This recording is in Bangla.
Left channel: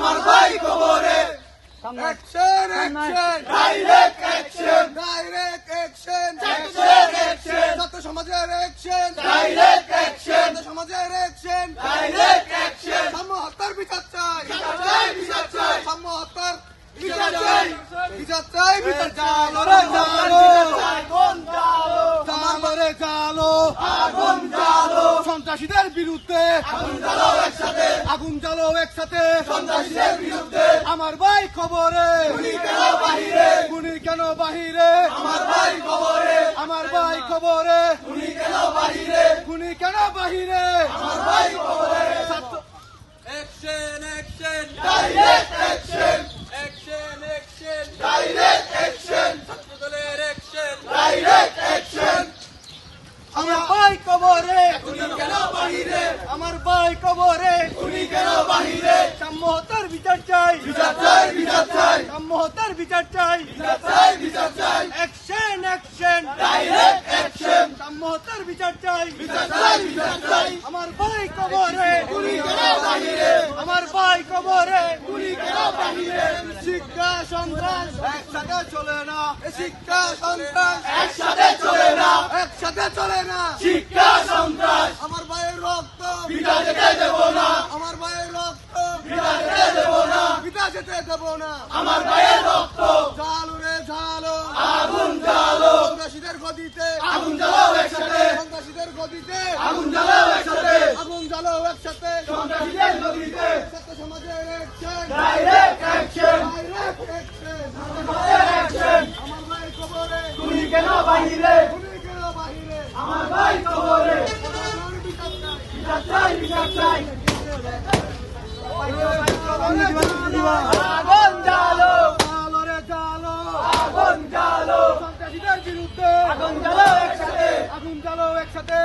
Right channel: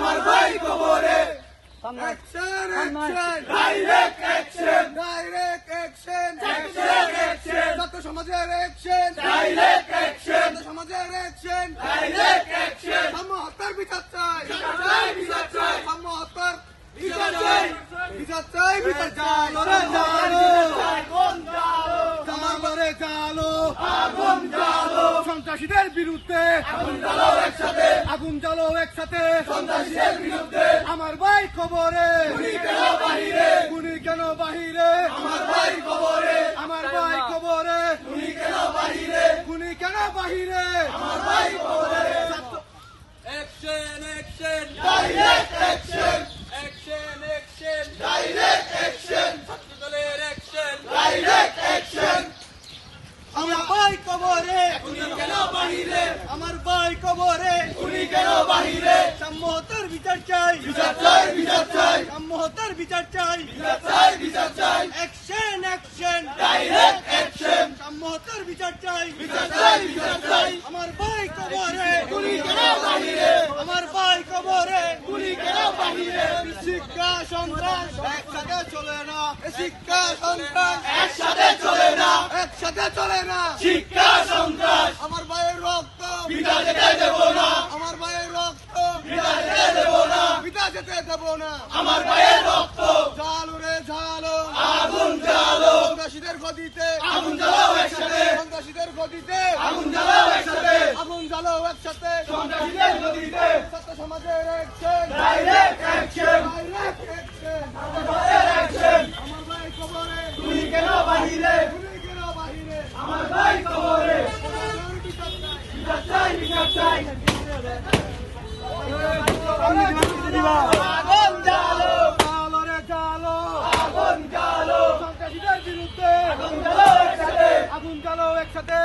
আমার ভাই কবরে। Action action direct action, direct action direct action, ছাত্র সমাজের অ্যাকশন ডাইরেক্ট অ্যাকশন, ছাত্র সমাজের অ্যাকশন ডাইরেক্ট অ্যাকশন। সাম্য হত্যার বিচার চাই, বিচার চাই, বিচার চাই, সাম্য হত্যার বিচার চাই। বিচার চাই, বিচার চাই। আগুন জ্বালো, আমার ঘরে চালো আগুন জ্বালো, সন্ত্রাসীদের বিরুদ্ধে আগুন জ্বালো একসাথে, আগুন জ্বালো একসাথে সন্ত্রাসীদের বিরুদ্ধে। আমার ভাই খবরে গুলি কেন বাহিরে, গুলি কেন বাহিরে আমার ভাই কবরে। আমার ভাই খবরে গুলি কেন বাহিরে, গুলি কেন বাহিরে আমার ভাই কবরে। Action action direct action, action action direct action, ছাত্রদলের অ্যাকশন ডাইরেক্ট অ্যাকশন। আমার ভাই কবরে গুলি কেন বাহিরে, আমার ভাই কবরে গুলি কেন বাহিরে। সাম্য হত্যার বিচার চাই, বিচার চাই, বিচার চাই, সাম্য হত্যার বিচার চাই। বিচার চাই, বিচার চাই, অ্যাকশন অ্যাকশন ডাইরেক্ট অ্যাকশন, সাম্য হত্যার বিচার চাই, বিচার চাই, বিচার চাই। আমার ভাই কবরে গুলি কেন বাহিরে, আমার ভাই কবরে গুলি কেন বাহিরে। শিক্ষা সন্ত্রাস একসাথে চলে না, শিক্ষা সন্ত্রাস একসাথে চলে না, একসাথে চলে না। শিক্ষা সন্ত্রাস আমার ভাইয়ের রক্ত পিতা যেতে দেব না, আমার ভাইয়ের রক্ত পিতা যেতে দেব না, পিতা যেতে দেব না। আমার ভাইয়ের রক্ত। ঝালো রে ঝালো আগুন জ্বালো, সন্ত্রাসীদের গদিতে আগুন জ্বালাও একসাথে, সন্ত্রাসীদের গদিতে আগুন জ্বালাও একসাথে, আগুন জ্বালো একসাথে সন্ত্রাসীদের গদিতে। ছাত্র সমাজের action direct action, direct action action. আমার ভাই কবরে গুলি কেন বাহিরে, গুলি কেন বাহিরে আমার ভাই কবরে। প্রশাসন বিচার চাই। বিচার চাই, বিচার চাই। আগুন জ্বালো, জ্বালো রে জ্বালো আগুন জ্বালো, সন্ত্রাসীদের বিরুদ্ধে আগুন জ্বালাও একসাথে, আগুন জ্বালো একসাথে